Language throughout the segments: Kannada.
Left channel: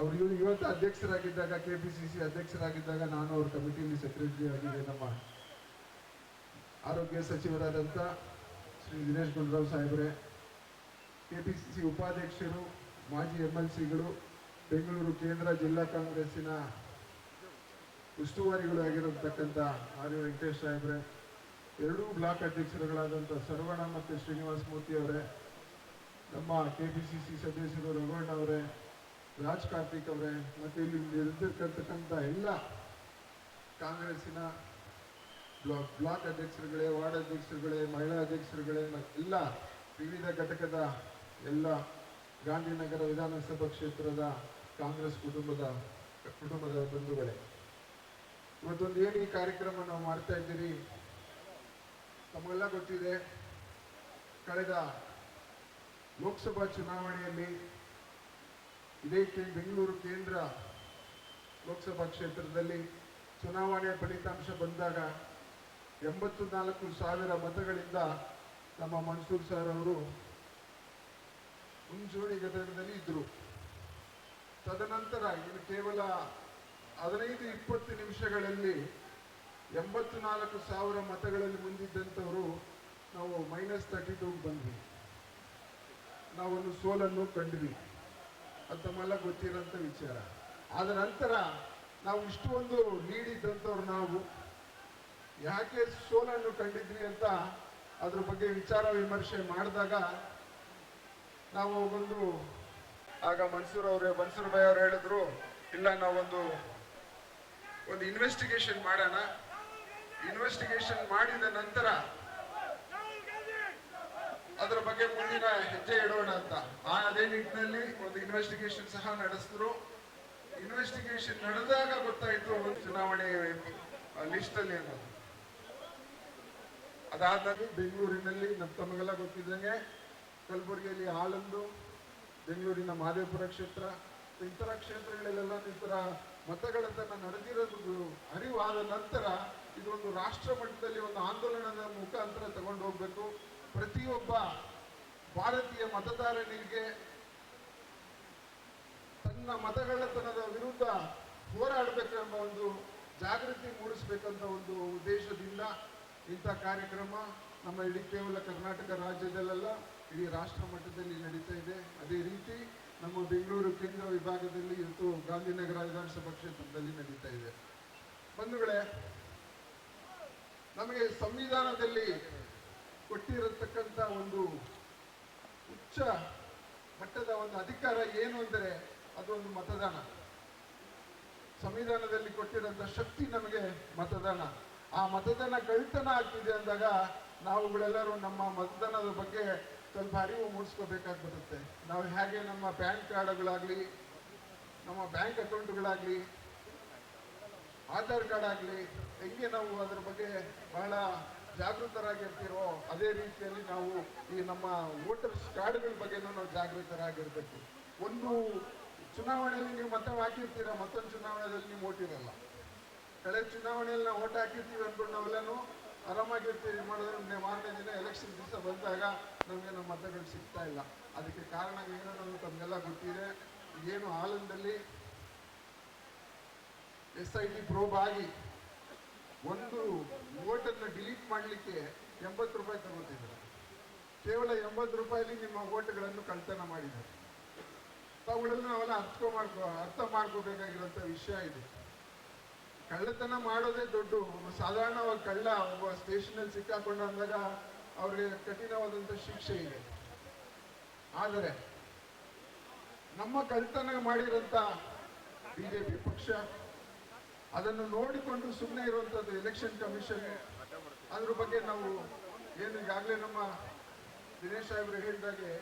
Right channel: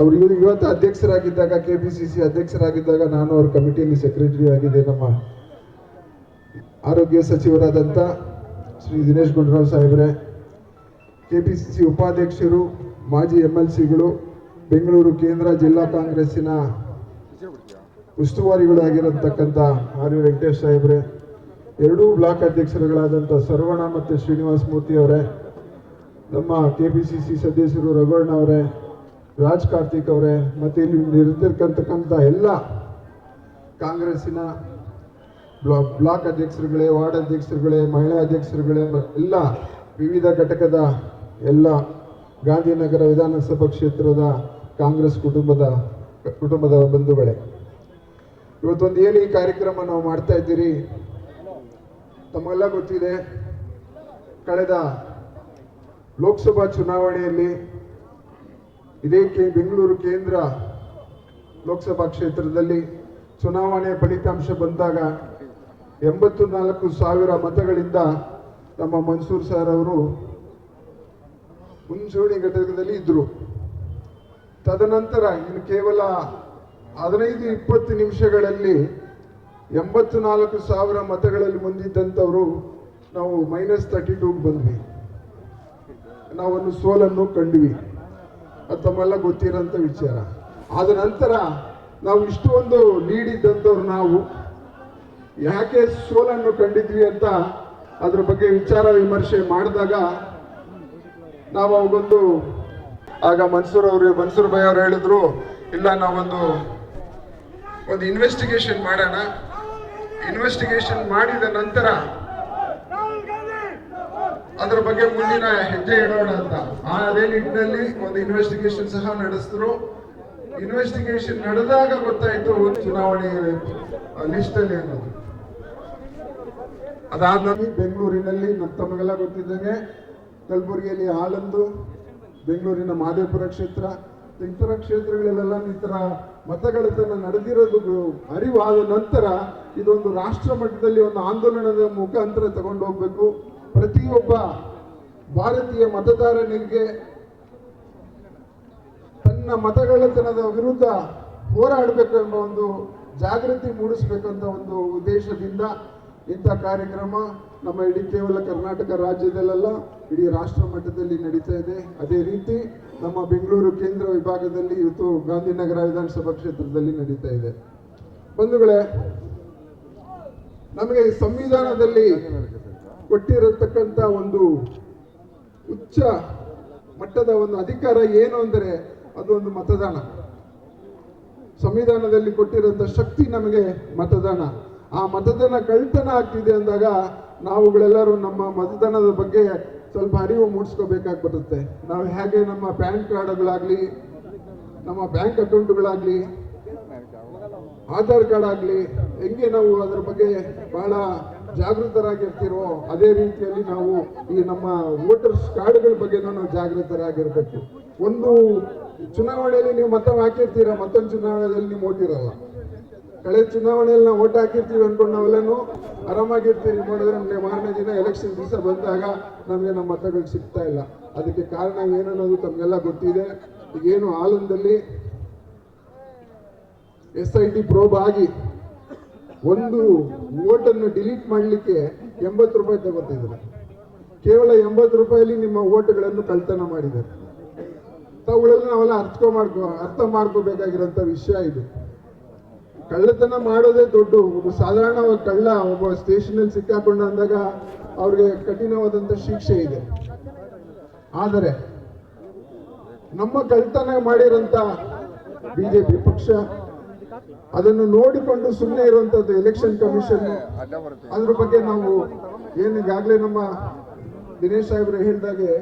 ಅವರು ಇವತ್ತು ಅಧ್ಯಕ್ಷರಾಗಿದ್ದಾಗ ಕೆಪಿಸಿಸಿ ಅಧ್ಯಕ್ಷರಾಗಿದ್ದಾಗ ನಾನು ಅವ್ರ ಕಮಿಟಿಯಲ್ಲಿ ಸೆಕ್ರೆಟರಿ ಆಗಿದೆ. ನಮ್ಮ ಆರೋಗ್ಯ ಸಚಿವರಾದಂಥ ಶ್ರೀ ದಿನೇಶ್ ಗುಂಡೂರಾವ್ ಸಾಹೇಬ್ರೆ, ಕೆಪಿಸಿಸಿ ಉಪಾಧ್ಯಕ್ಷರು, ಮಾಜಿ MLCಗಳು, ಬೆಂಗಳೂರು ಕೇಂದ್ರ ಜಿಲ್ಲಾ ಕಾಂಗ್ರೆಸ್ಸಿನ ಉಸ್ತುವಾರಿಗಳು ಆಗಿರತಕ್ಕಂಥ ಆರ್ ವಿ ವೆಂಕಟೇಶ್ ಸಾಹೇಬ್ರೆ, ಎರಡೂ ಬ್ಲಾಕ್ ಅಧ್ಯಕ್ಷರುಗಳಾದಂಥ ಸರ್ವಣ ಮತ್ತು ಶ್ರೀನಿವಾಸ ಮೂರ್ತಿ ಅವರೇ, ನಮ್ಮ ಕೆಪಿಸಿಸಿ ಸದಸ್ಯರು ರಘುವಣ್ಣ ಅವರೇ, ರಾಜ್ ಕಾರ್ತಿಕ್ ಅವರೇ, ಮತ್ತು ಇಲ್ಲಿ ನಿಂತಿರ್ತಕ್ಕಂಥ ಎಲ್ಲ ಕಾಂಗ್ರೆಸ್ಸಿನ ಬ್ಲಾಕ್ ಅಧ್ಯಕ್ಷರುಗಳೇ, ವಾರ್ಡ್ ಅಧ್ಯಕ್ಷರುಗಳೇ, ಮಹಿಳಾ ಅಧ್ಯಕ್ಷರುಗಳೇ, ಎಲ್ಲ ವಿವಿಧ ಘಟಕದ ಎಲ್ಲ ಗಾಂಧಿನಗರ ವಿಧಾನಸಭಾ ಕ್ಷೇತ್ರದ ಕಾಂಗ್ರೆಸ್ ಕುಟುಂಬದ ಬಂಧುಗಳೇ, ಇವತ್ತೊಂದು ಏನು ಈ ಕಾರ್ಯಕ್ರಮ ನಾವು ಮಾಡ್ತಾ ಇದ್ದೀರಿ, ತಮಗೆಲ್ಲ ಗೊತ್ತಿದೆ. ಕಳೆದ ಲೋಕಸಭಾ ಚುನಾವಣೆಯಲ್ಲಿ ಇದೇ ಬೆಂಗಳೂರು ಕೇಂದ್ರ ಲೋಕಸಭಾ ಕ್ಷೇತ್ರದಲ್ಲಿ ಚುನಾವಣೆ ಫಲಿತಾಂಶ ಬಂದಾಗ 84,000 ಮತಗಳಿಂದ ನಮ್ಮ ಮನ್ಸೂರ್ ಸರ್ ಅವರು ಮುಂಚೂಣಿ ಘಟಕದಲ್ಲಿ ಇದ್ದರು. ತದನಂತರ ಇನ್ನು ಕೇವಲ 15-20 ನಿಮಿಷಗಳಲ್ಲಿ 84,000 ಮತಗಳಲ್ಲಿ ಮುಂದಿದ್ದಂಥವರು ನಾವು -32 ಬಂದ್ವಿ. ನಾವೊಂದು ಸೋಲನ್ನು ಕಂಡ್ವಿ. ಅದು ತಮ್ಮೆಲ್ಲ ಗೊತ್ತಿರೋಂಥ ವಿಚಾರ. ಆದ ನಂತರ ನಾವು ಇಷ್ಟೊಂದು ಲೀಡ್ ಇದ್ದಂಥವ್ರು ನಾವು ಯಾಕೆ ಸೋಲನ್ನು ಕಂಡಿದ್ವಿ ಅಂತ ಅದ್ರ ಬಗ್ಗೆ ವಿಚಾರ ವಿಮರ್ಶೆ ಮಾಡಿದಾಗ ನಾವು ಅವಾಗೊಂದು ಮನ್ಸೂರ್ ಭಾಯ್ ಅವರು ಹೇಳಿದ್ರು, ಇಲ್ಲ ನಾವೊಂದು ಇನ್ವೆಸ್ಟಿಗೇಷನ್ ಮಾಡೋಣ, ಇನ್ವೆಸ್ಟಿಗೇಷನ್ ಮಾಡಿದ ನಂತರ ಅದ್ರ ಬಗ್ಗೆ ಮುಂದಿನ ಹೆಜ್ಜೆ ಇಡೋಣ ಅಂತ. ಅದೇ ನಿಟ್ಟಿನಲ್ಲಿ ಒಂದು ಇನ್ವೆಸ್ಟಿಗೇಷನ್ ಸಹ ನಡೆಸಿದ್ರು. ಇನ್ವೆಸ್ಟಿಗೇಷನ್ ನಡೆದಾಗ ಗೊತ್ತಾಯ್ತು ಚುನಾವಣೆ ಲಿಸ್ಟ್ ಅಲ್ಲಿ ಅನ್ನೋದು. ಅದಾದ್ಮೇಲೆ ಬೆಂಗಳೂರಿನಲ್ಲಿ ತಮಗೆಲ್ಲ ಗೊತ್ತಿದ್ದಂಗೆ ಕಲಬುರಗಿಯಲ್ಲಿ ಆಳಂದು, ಬೆಂಗಳೂರಿನ ಮಹದೇವಪುರ ಕ್ಷೇತ್ರ, ಇತರ ಕ್ಷೇತ್ರಗಳಲ್ಲೆಲ್ಲ ಈ ಥರ ಮತಗಳೆತನ ನಡೆದಿರೋದು ಅರಿವಾದ ನಂತರ ಇದೊಂದು ರಾಷ್ಟ್ರ ಮಟ್ಟದಲ್ಲಿ ಒಂದು ಆಂದೋಲನದ ಮುಖಾಂತರ ತಗೊಂಡು ಹೋಗ್ಬೇಕು. ಪ್ರತಿಯೊಬ್ಬ ಭಾರತೀಯ ಮತದಾರನಿಗೆ ತನ್ನ ಮತಗಳ್ಳತನದ ವಿರುದ್ಧ ಹೋರಾಡಬೇಕೆಂಬ ಒಂದು ಜಾಗೃತಿ ಮೂಡಿಸಬೇಕಂತ ಒಂದು ಉದ್ದೇಶದಿಂದ ಇಂಥ ಕಾರ್ಯಕ್ರಮ ನಮ್ಮ ಇಡೀ ಕೇವಲ ಕರ್ನಾಟಕ ರಾಜ್ಯದಲ್ಲೆಲ್ಲ ಇಡೀ ರಾಷ್ಟ್ರ ಮಟ್ಟದಲ್ಲಿ ನಡೀತಾ ಇದೆ. ಅದೇ ರೀತಿ ನಮ್ಮ ಬೆಂಗಳೂರು ಕೇಂದ್ರ ವಿಭಾಗದಲ್ಲಿ ಇವತ್ತು ಗಾಂಧಿನಗರ ವಿಧಾನಸಭಾ ಕ್ಷೇತ್ರದಲ್ಲಿ ನಡೀತಾ ಇದೆ. ಬಂಧುಗಳೇ, ನಮಗೆ ಸಂವಿಧಾನದಲ್ಲಿ ಕೊಟ್ಟಿರತಕ್ಕಂಥ ಒಂದು ಉಚ್ಚ ಮಟ್ಟದ ಒಂದು ಅಧಿಕಾರ ಏನು ಅಂದರೆ ಅದು ಒಂದು ಮತದಾನ. ಸಂವಿಧಾನದಲ್ಲಿ ಕೊಟ್ಟಿರೋಂಥ ಶಕ್ತಿ ನಮಗೆ ಮತದಾನ. ಆ ಮತದಾನ ಕಳ್ತನ ಆಗ್ತಿದೆ ಅಂದಾಗ ನಾವುಗಳೆಲ್ಲರೂ ನಮ್ಮ ಮತದಾನದ ಬಗ್ಗೆ ಸ್ವಲ್ಪ ಅರಿವು ಮೂಡಿಸ್ಕೋಬೇಕಾಗಿ ಬರುತ್ತೆ. ನಾವು ಹೇಗೆ ನಮ್ಮ ಪ್ಯಾನ್ ಕಾರ್ಡ್ಗಳಾಗಲಿ, ನಮ್ಮ ಬ್ಯಾಂಕ್ ಅಕೌಂಟ್ಗಳಾಗಲಿ, ಆಧಾರ್ ಕಾರ್ಡ್ ಆಗಲಿ, ಹೆಂಗೆ ನಾವು ಅದರ ಬಗ್ಗೆ ಬಹಳ ಜಾಗೃತರಾಗಿರ್ತೀರೋ ಅದೇ ರೀತಿಯಲ್ಲಿ ನಾವು ಈ ನಮ್ಮ ವೋಟರ್ಸ್ ಕಾರ್ಡ್ಗಳ ಬಗ್ಗೆ ನಾವು ಜಾಗೃತರಾಗಿರ್ಬೇಕು. ಒಂದು ಚುನಾವಣೆಯಲ್ಲಿ ನೀವು ಮತ ಹಾಕಿರ್ತೀರ, ಮತ್ತೊಂದು ಚುನಾವಣೆಯಲ್ಲಿ ನೀವು ಓಟ್ ಇರಲ್ಲ. ಕಳೆದ ಚುನಾವಣೆಯಲ್ಲಿ ನಾವು ಓಟ್ ಹಾಕಿರ್ತೀವಿ ಅಂದ್ಕೊಂಡು ನಾವೆಲ್ಲನೂ ಆರಾಮಾಗಿರ್ತೀವಿ. ಮಾಡಿದ್ರೆ ನಮಗೆ ಮಾರನೇ ದಿನ ಎಲೆಕ್ಷನ್ ದಿವಸ ಬಂದಾಗ ನಮಗೆ ನಮ್ಮ ಮತಗಳು ಸಿಗ್ತಾ ಇಲ್ಲ. ಅದಕ್ಕೆ ಕಾರಣ ಏನನ್ನೋದು ತಮಗೆಲ್ಲ ಗೊತ್ತಿದೆ. ಈಗೇನು ಆಲಂದಲ್ಲಿ SIT ಪ್ರೋಬ್ ಆಗಿ ಒಂದು ಓಟನ್ನು ಡಿಲೀಟ್ ಮಾಡಲಿಕ್ಕೆ 80 ರೂಪಾಯಿ ತಗೋತಿದ್ದಾರೆ. ಕೇವಲ 80 ರೂಪಾಯಲ್ಲಿ ನಿಮ್ಮ ಓಟ್ಗಳನ್ನು ಕಳ್ತನ ಮಾಡಿದ್ದಾರೆ. ತಾವುಗಳೆಲ್ಲ ನಾವೆಲ್ಲ ಅರ್ಥ ಮಾಡ್ಕೋಬೇಕಾಗಿರೋಂಥ ವಿಷಯ ಇದು. ಕಳ್ಳತನ ಮಾಡೋದೇ ದೊಡ್ಡ ಒಂದು ಸಾಧಾರಣವಾಗಿ ಒಬ್ಬ ಸ್ಟೇಷನಲ್ಲಿ ಸಿಕ್ಕಾಕೊಂಡ ಅಂದಾಗ ಅವ್ರಿಗೆ ಕಠಿಣವಾದಂಥ ಶಿಕ್ಷೆ ಇದೆ. ಆದರೆ ನಮ್ಮ ಕಳ್ಳತನ ಮಾಡಿರೋಂಥ BJP ಪಕ್ಷ ಅದನ್ನು ನೋಡಿಕೊಂಡು ಸುಮ್ಮನೆ ಇರುವಂಥದ್ದು ಎಲೆಕ್ಷನ್ ಕಮಿಷನ್. ಅದ್ರ ಬಗ್ಗೆ ನಾವು ಈಗಾಗಲೇ ನಮ್ಮ ದಿನೇಶ್ ಸಾಹೇಬ್ರು ಹೇಳಿದಾಗೆ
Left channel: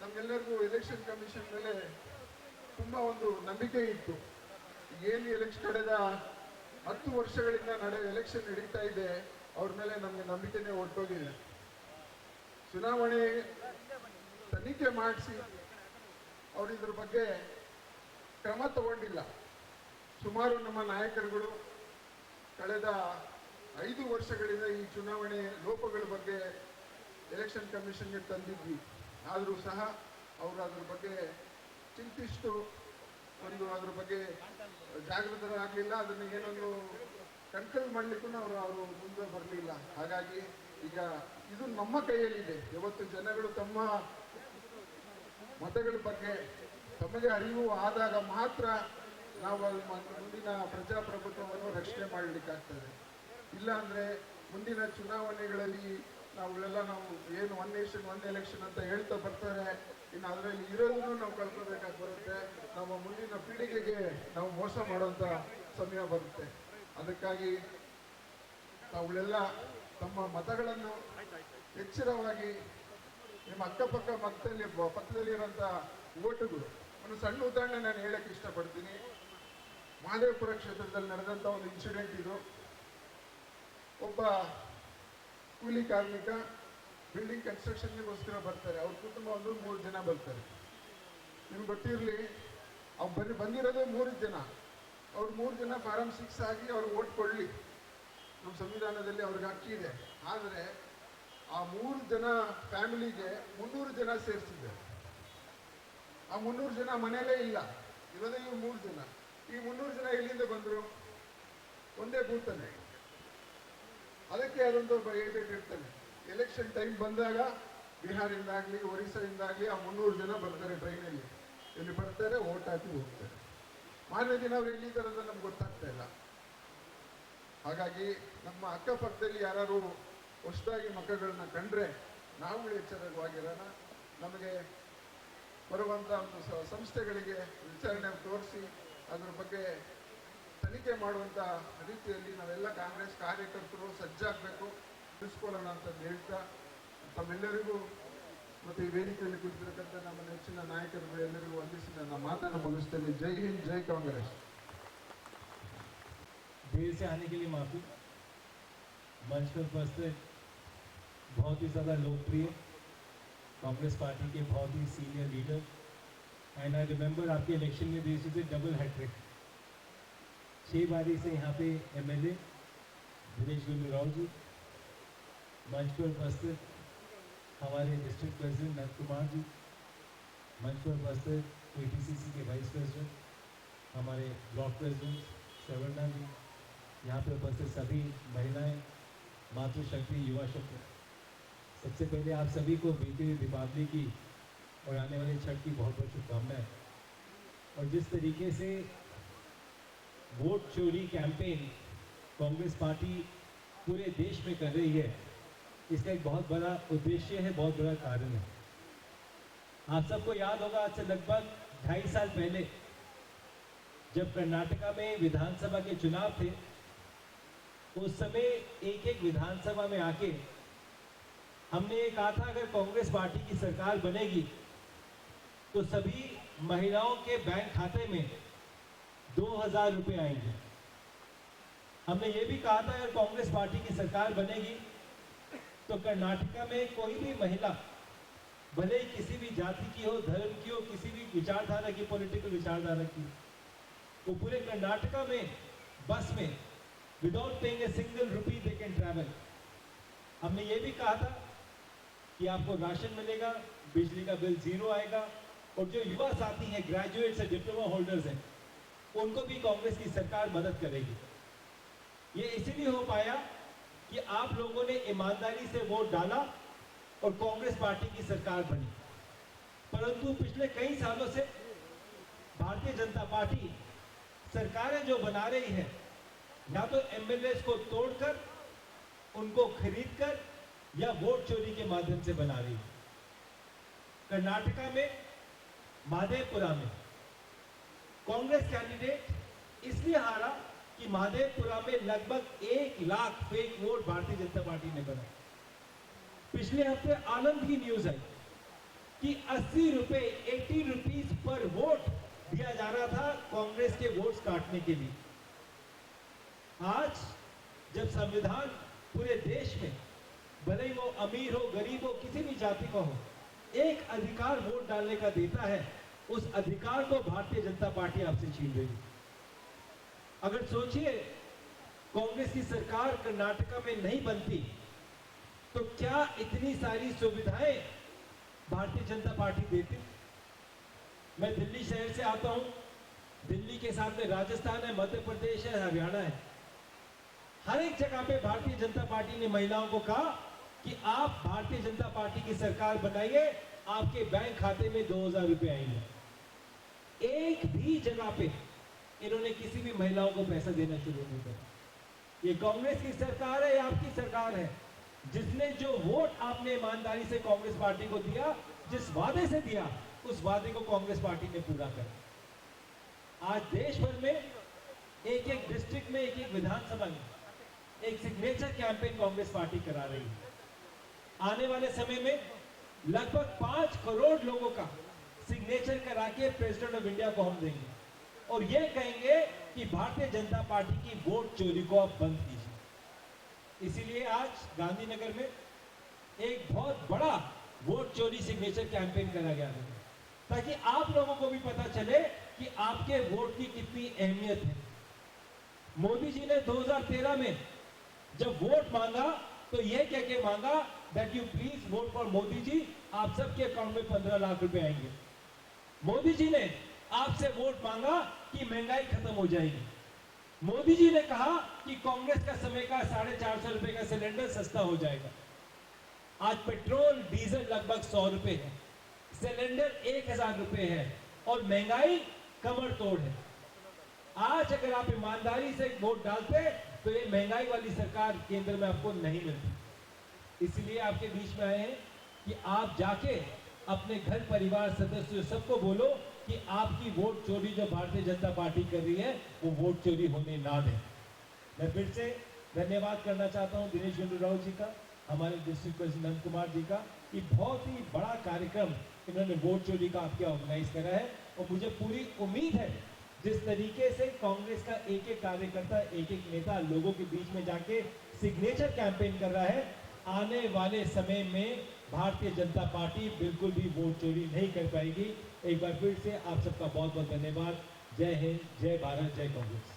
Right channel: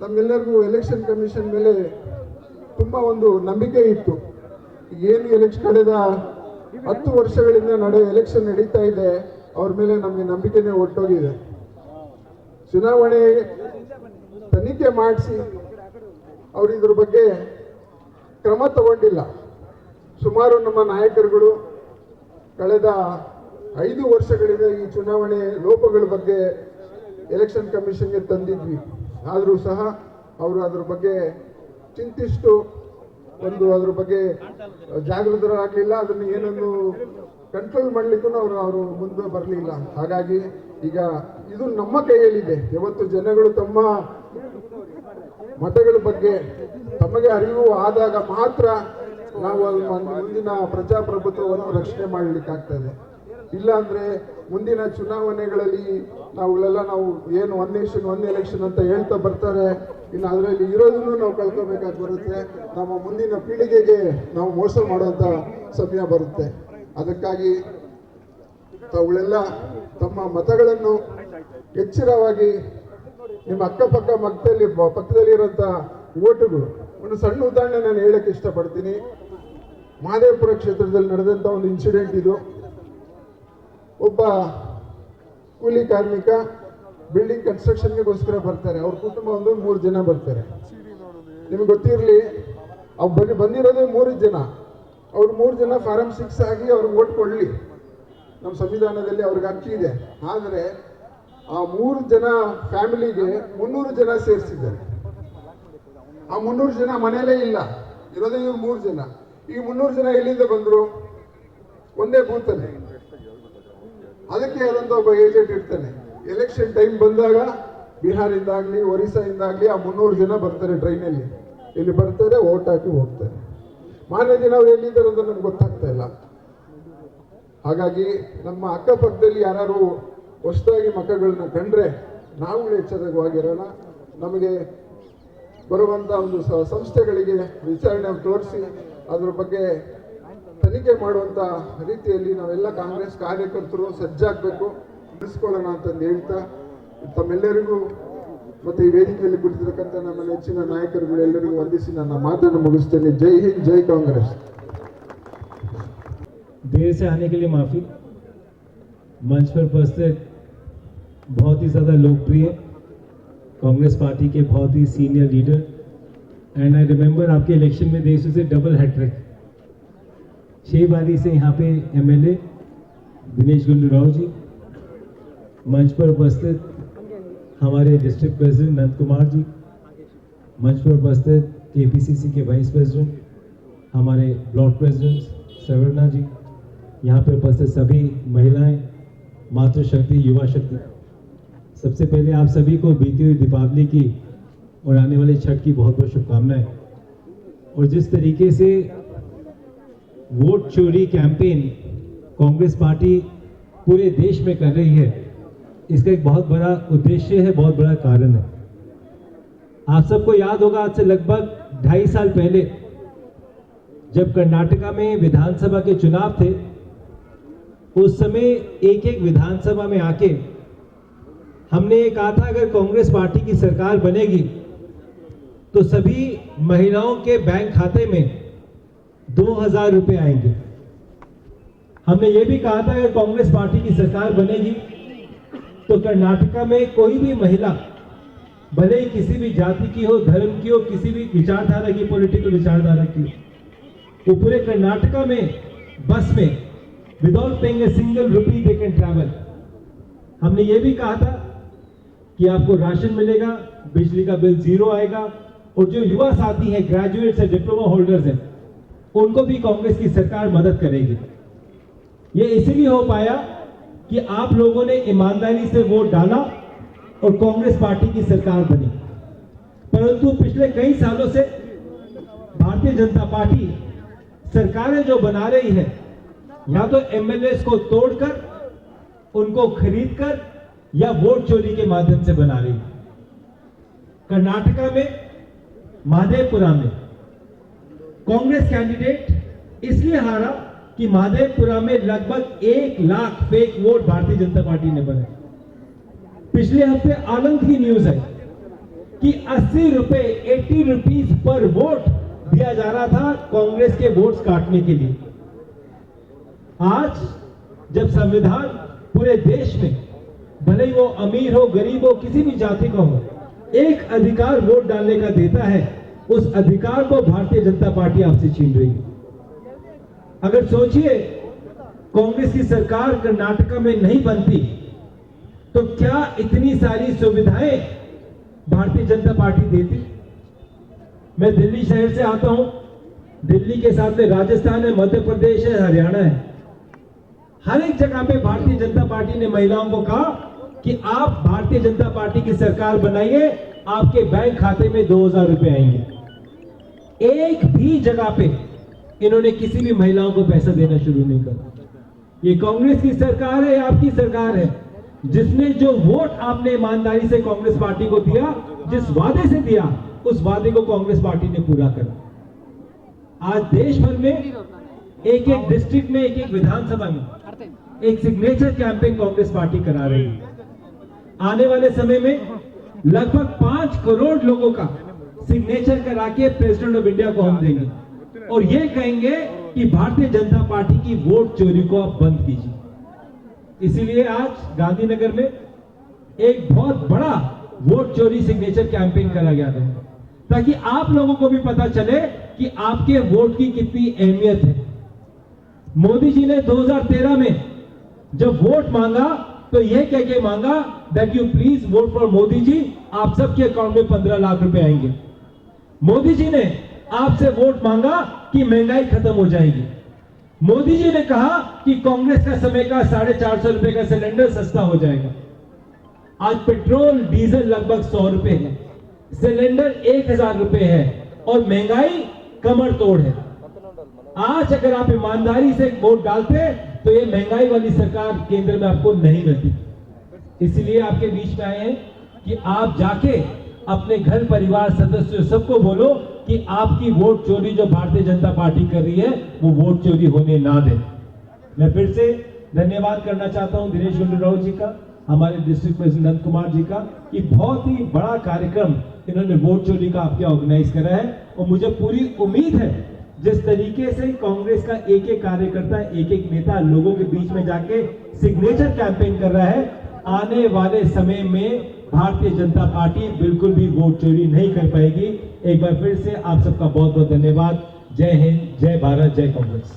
ನಮ್ಗೆಲ್ಲರಿಗೂ ಎಲೆಕ್ಷನ್ ಕಮಿಷನ್ ಮೇಲೆ ತುಂಬಾ ಒಂದು ನಂಬಿಕೆ ಇತ್ತು. ಏನು ಕಳೆದ 10 ವರ್ಷಗಳಿಂದ ಎಲೆಕ್ಷನ್ ನಡೀತಾ ಇದೆ, ಅವ್ರ ಮೇಲೆ ನಮಗೆ ನಂಬಿಕೆನೇ ಒಟ್ಟೋಗಿದೆ. ಚುನಾವಣೆ ತನಿಖೆ ಮಾಡಿಸಿ ಅವರು ಇದ್ರ ಬಗ್ಗೆ ಕ್ರಮ ತಗೊಂಡಿಲ್ಲ. ಸುಮಾರು ನಮ್ಮ ನಾಯಕರುಗಳು ಕಳೆದ 5 ವರ್ಷಗಳಿಂದ ಈ ಚುನಾವಣೆ ಲೋಪಗಳ ಬಗ್ಗೆ ಎಲೆಕ್ಷನ್ ಕಮಿಷನ್ಗೆ ತಂದಿದ್ವಿ. ಆದರೂ ಸಹ ಅವರು ಅದ್ರ ಬಗ್ಗೆ ಚಿಂತಿಸಿತು ಬಂದು ಅದ್ರ ಬಗ್ಗೆ ಜಾಗೃತರಾಗಲಿಲ್ಲ, ಅದನ್ನು ಏನನ್ನು ಕಂಟ್ರೋಲ್ ಮಾಡಲಿಕ್ಕೂ ಅವರು ಮುಂದೆ ಬರಲಿಲ್ಲ. ಹಾಗಾಗಿ ಈಗ ಇದು ನಮ್ಮ ಕೈಯಲ್ಲಿದೆ. ಇವತ್ತು ಜನಗಳು ತಮ್ಮ ಮತಗಳ ಬಗ್ಗೆ ತಮಗೆ ಅರಿವು ಆದಾಗ ಮಾತ್ರ ನಾವು ಮುಂದಿನ ಪ್ರಜಾಪ್ರಭುತ್ವವನ್ನು ರಕ್ಷಣೆ ಮಾಡಲಿಕ್ಕಾಗ್ತದೆ. ಇಲ್ಲಾಂದ್ರೆ ಮುಂದಿನ ಚುನಾವಣೆಗಳಲ್ಲಿ ನಾವು ಏನು 1 ನೇಷನ್ 1 ಎಲೆಕ್ಷನ್ ಅಂತ ಹೇಳ್ತಾ ಬರ್ತಾರೆ, ಇನ್ನು ಅದರಲ್ಲಿ ಇರೋದನ್ನು ನಾವು ಕಳ್ಕೊಬೇಕಾಗಿ ಬರುತ್ತೆ. ನಮ್ಮ ಮುಂದಿನ ಪೀಳಿಗೆಗೆ ನಾವು ಮೋಸ ಮಾಡುವಂಥ ಸಮಯ ಬರುತ್ತೆ. ಅದಕ್ಕಾಗಿ ತಾವುಗಳೆಲ್ಲ ತಮ್ಮ ಮತಗಳನ್ನು ಎಚ್ಚರವಾಗಿ ನಿಮ್ಮ ಅಕ್ಕಪಕ್ಕ ಪಕ್ಕದಲ್ಲಿರುವಂಥ ಓಟುಗಳು. ಒಂದು ಸಣ್ಣ ಉದಾಹರಣೆ ನಾನು ಹೇಳಕ್ಕೆ ಇಷ್ಟಪಡ್ತೀನಿ. ಮಹದೇವಪುರ ಕ್ಷೇತ್ರದಲ್ಲಿ ನಡೆದಂಥ ಒಂದು ಇನ್ಸಿಡೆಂಟ್ ಇದು. ಒಬ್ಬ ಕೂಲಿ ಕಾರ್ಮಿಕ ಬಿಲ್ಡಿಂಗ್ ಕನ್ಸ್ಟ್ರಕ್ಷನ್ಗೋಸ್ಕರ ಬರ್ತಾರೆ. ಅವ್ರ ಕುಟುಂಬ ಒಂದು 3 ಜನ ಬರ್ತಾರೆ. ನಿಮ್ಗೆ ಗೊತ್ತಿರಲಿ, ಅವ್ರು ಬಂದಿರೋದು 3 ಜನ. ಅವ್ರು 3 ಜನ ಫಾರಂ 6 ಆಗಿ ಅವ್ರಿಗೆ ಓಟ್ ಕೊಡಲಿ, ನಮ್ಮ ಸಂವಿಧಾನದಲ್ಲಿ ಅವ್ರಿಗೆ ಹಕ್ಕಿ ಇದೆ. ಆದರೆ ಆ 3 ಜನ ಫ್ಯಾಮಿಲಿಗೆ 300 ಜನ ಸೇರಿಸಿದ್ದಾರೆ. ಆ 300 ಜನ ಮನೆಯಲ್ಲೇ ಇಲ್ಲ, ಇರೋದೇ ಇವ್ರು 3 ಜನ. ಈ 300 ಜನ ಎಲ್ಲಿಂದ ಬಂದರು? ಒಂದೇ ಬೂತಲ್ಲಿ. ಅದಕ್ಕೆ ಆದಂಥ ಒಬ್ಬ ಏಜೆಂಟ್ ಇರ್ತಾನೆ. ಎಲೆಕ್ಷನ್ ಟೈಮ್ ಬಂದಾಗ ಬಿಹಾರಿಂದಾಗಲಿ ಒರಿಸ್ಸಾಯಿಂದಾಗಲಿ ಆ 300 ಜನ ಬರ್ತಾರೆ ಟ್ರೈನಲ್ಲಿ. ಇಲ್ಲಿ ಬರ್ತಾರೆ, ಓಟ್ ಹಾಕಿ ಹೋಗ್ತಾರೆ. ಮಾರನೇ ದಿನ ಅವ್ರು ಎಲ್ಲಿದ್ದಾರೆ ಅಂತ ನಮ್ಗೆ ಗೊತ್ತಾಗ್ತಾ ಇಲ್ಲ. ಹಾಗಾಗಿ ನಮ್ಮ ಅಕ್ಕಪಕ್ಕದಲ್ಲಿ ಯಾರು ಹೊಸದಾಗಿ ಮಕ್ಕಳನ್ನ ಕಂಡ್ರೆ ನಾವು ಎಚ್ಚರವಾಗಿರೋಣ. ನಮಗೆ ಬರುವಂಥ ಒಂದು ಸಂಸ್ಥೆಗಳಿಗೆ ವಿಚಾರಣೆ ತೋರಿಸಿ ಅದ್ರ ಬಗ್ಗೆ ತನಿಖೆ ಮಾಡುವಂಥ ರೀತಿಯಲ್ಲಿ ನಾವೆಲ್ಲ ಕಾಂಗ್ರೆಸ್ ಕಾರ್ಯಕರ್ತರು ಸಜ್ಜಾಗಬೇಕು, ಬಿಡಿಸ್ಕೊಳ್ಳೋಣ ಅಂತಂದು ಹೇಳ್ತಾ ತಮ್ಮೆಲ್ಲರಿಗೂ ಮತ್ತು ಈ ವೇದಿಕೆಯಲ್ಲಿ ಕುಳಿತಿರತಕ್ಕಂಥ ನಮ್ಮ ನೆಚ್ಚಿನ ನಾಯಕರುಗಳೆಲ್ಲರಿಗೂ ವಂದಿಸಿ ನನ್ನ ಮಾತನ್ನು ಮುಗಿಸ್ತೇನೆ. ಜೈ ಹಿಂದ್, ಜೈ ಕಾಂಗ್ರೆಸ್. देर से आने के लिए माफ़ी। मंच पर उपस्थित बहुत ही ज़्यादा लोकप्रिय कांग्रेस पार्टी के बहुत ही senior leader and I remember आपके इलेक्शन में देश से डबल हैट्रिक 6 बारी से यहाँ पे एमएलए दिनेश गुंडूराव जी, मंच पर उपस्थित हमारे डिस्ट्रिक्ट प्रेसिडेंट नंद कुमार जी, मंच पर उपस्थित एपीसीसी के वाइस प्रेसिडेंट हमारे ब्लॉक प्रेसिडेंट सवर्णा जी, यहाँ पर उपस्थित सभी महिलाएं, मातृशक्ति, युवा शक्ति, सबसे पहले आप सभी को बीती हुई दीपावली की और आने वाले छठ की बहुत बहुत शुभकामनाएं। और जिस तरीके से वोट चोरी कैंपेन कांग्रेस पार्टी पूरे देश में कर रही है, इसका एक बहुत बड़ा उद्देश्य है, बहुत बड़ा कारण है। आप सबको याद होगा, आज से लगभग 2.5 साल पहले जब कर्नाटका में विधानसभा के चुनाव थे, उस समय एक विधानसभा में आके हमने ये कहा था अगर कांग्रेस पार्टी की सरकार बनेगी तो सभी महिलाओं के बैंक खाते में 2000 रुपए आएंगे। हमने ये भी कहा था अगर कांग्रेस पार्टी की सरकार बनेगी तो कर्नाटका में कोई भी महिला, भले ही किसी भी जाति की हो, धर्म की हो, किसी भी विचारधारा की, पॉलिटिकल विचारधारा की, तो पूरे कर्नाटका में बस में without paying a single rupee they can travel. हमने ये भी कहा था कि आपको राशन मिलेगा, बिजली का बिल 0 आएगा, और जो युवा साथी हैं, ग्रेजुएट्स हैं, डिप्लोमा होल्डर्स हैं, उनको भी कांग्रेस की सरकार मदद करेगी। ये इसलिए हो पाया कि आप लोगों ने ईमानदारी से वोट डाला और कांग्रेस पार्टी की सरकार बनी। परंतु पिछले कई सालों से भारतीय जनता पार्टी सरकारें जो बना रही है, या तो एमएलए को तोड़कर, उनको खरीदकर, या वोट चोरी के माध्यम से बना रही है। कर्नाटका में माधेपुरा में कांग्रेस कैंडिडेट इसलिए हारा कि माधेपुरा में लगभग 1 lakh fake vote Bharatiya Janata party ने बनाए। पिछले हफ्ते आनंद की न्यूज है कि 80 रुपए 80 रुपीज पर वोट दिया जा रहा था कांग्रेस के वोट्स काटने के लिए। आज जब संविधान पूरे देश में, भले ही वो अमीर हो, गरीब हो, किसी भी जाति का हो, एक अधिकार वोट डालने का देता है, उस अधिकार को भारतीय जनता पार्टी आपसे छीन रही है। अगर सोचिए कांग्रेस की सरकार कर्नाटका में नहीं बनती तो क्या इतनी सारी सुविधाएं भारतीय जनता पार्टी देती। मैं दिल्ली शहर से आता हूं, दिल्ली के साथ में राजस्थान है, मध्य प्रदेश है, हरियाणा है। हर एक जगह पे भारतीय जनता पार्टी ने महिलाओं को कहा कि आप भारतीय जनता पार्टी की सरकार बनाइए, आपके बैंक खाते में 2000 रुपए आएंगे। एक भी जगह पे इन्होंने किसी भी महिलाओं को पैसा देना शुरू नहीं करा। ये कांग्रेस की सरकार है, आपकी सरकार है, जिसने जो वोट आपने ईमानदारी से कांग्रेस पार्टी को दिया, जिस वादे से दिया, उस वादे को कांग्रेस पार्टी ने पूरा करा। आज देश भर में एक एक डिस्ट्रिक्ट में, एक एक विधानसभा में एक सिग्नेचर कैंपेन कांग्रेस पार्टी करा रही है। आने वाले समय में लगभग 5 करोड़ लोगों का सिग्नेचर करा के प्रेसिडेंट ऑफ इंडिया को हम देंगे और ये कहेंगे कि भारतीय जनता पार्टी की वोट चोरी को आप बंद कीजिए। इसीलिए आज गांधीनगर में एक बहुत बड़ा वोट चोरी सिग्नेचर कैंपेन करा गया था, ताकि आप लोगों को भी पता चले कि आपके वोट की कितनी अहमियत है। मोदी जी ने 2013 में जब वोट मांगा तो यह कह के मांगा that you please vote for Modi ji, आप सबके अकाउंट में 15 लाख रुपए आएंगे। मोदी जी ने आपसे वोट मांगा कि महंगाई खत्म हो जाएगी। मोदी जी ने कहा कि कांग्रेस का समय का 450 रुपए का सिलेंडर सस्ता हो जाएगा। आज पेट्रोल डीजल लगभग 100 रुपए है, सिलेंडर 1000 रुपए है और महंगाई कमर तोड़ है। आज अगर आप ईमानदारी से वोट डालते तो ये महंगाई वाली सरकार केंद्र में आपको नहीं मिलती। इसलिए आपके बीच में आए हैं कि आप जाके अपने घर परिवार सदस्यों सबको बोलो कि आपकी वोट चोरी जो भारतीय जनता पार्टी कर रही है वो वोट चोरी होने ना दे। मैं फिर से धन्यवाद करना चाहता हूं दिनेश गुंडूराव जी का, हमारे डिस्ट्रिक्ट प्रेसिडेंट नंद कुमार जी का, कि बहुत ही बड़ा कार्यक्रम इन्होंने वोट चोरी का आपके ऑर्गेनाइज करा है। और मुझे पूरी उम्मीद है जिस तरीके से कांग्रेस का एक एक कार्यकर्ता, एक एक नेता लोगों के बीच में जाके सिग्नेचर कैंपेन कर रहा है, आने वाले समय में भारतीय जनता पार्टी बिल्कुल भी वोट चोरी नहीं कर पाएगी। एक बार फिर से आप सबका बहुत बहुत धन्यवाद। जय हिंद, जय भारत, जय कांग्रेस।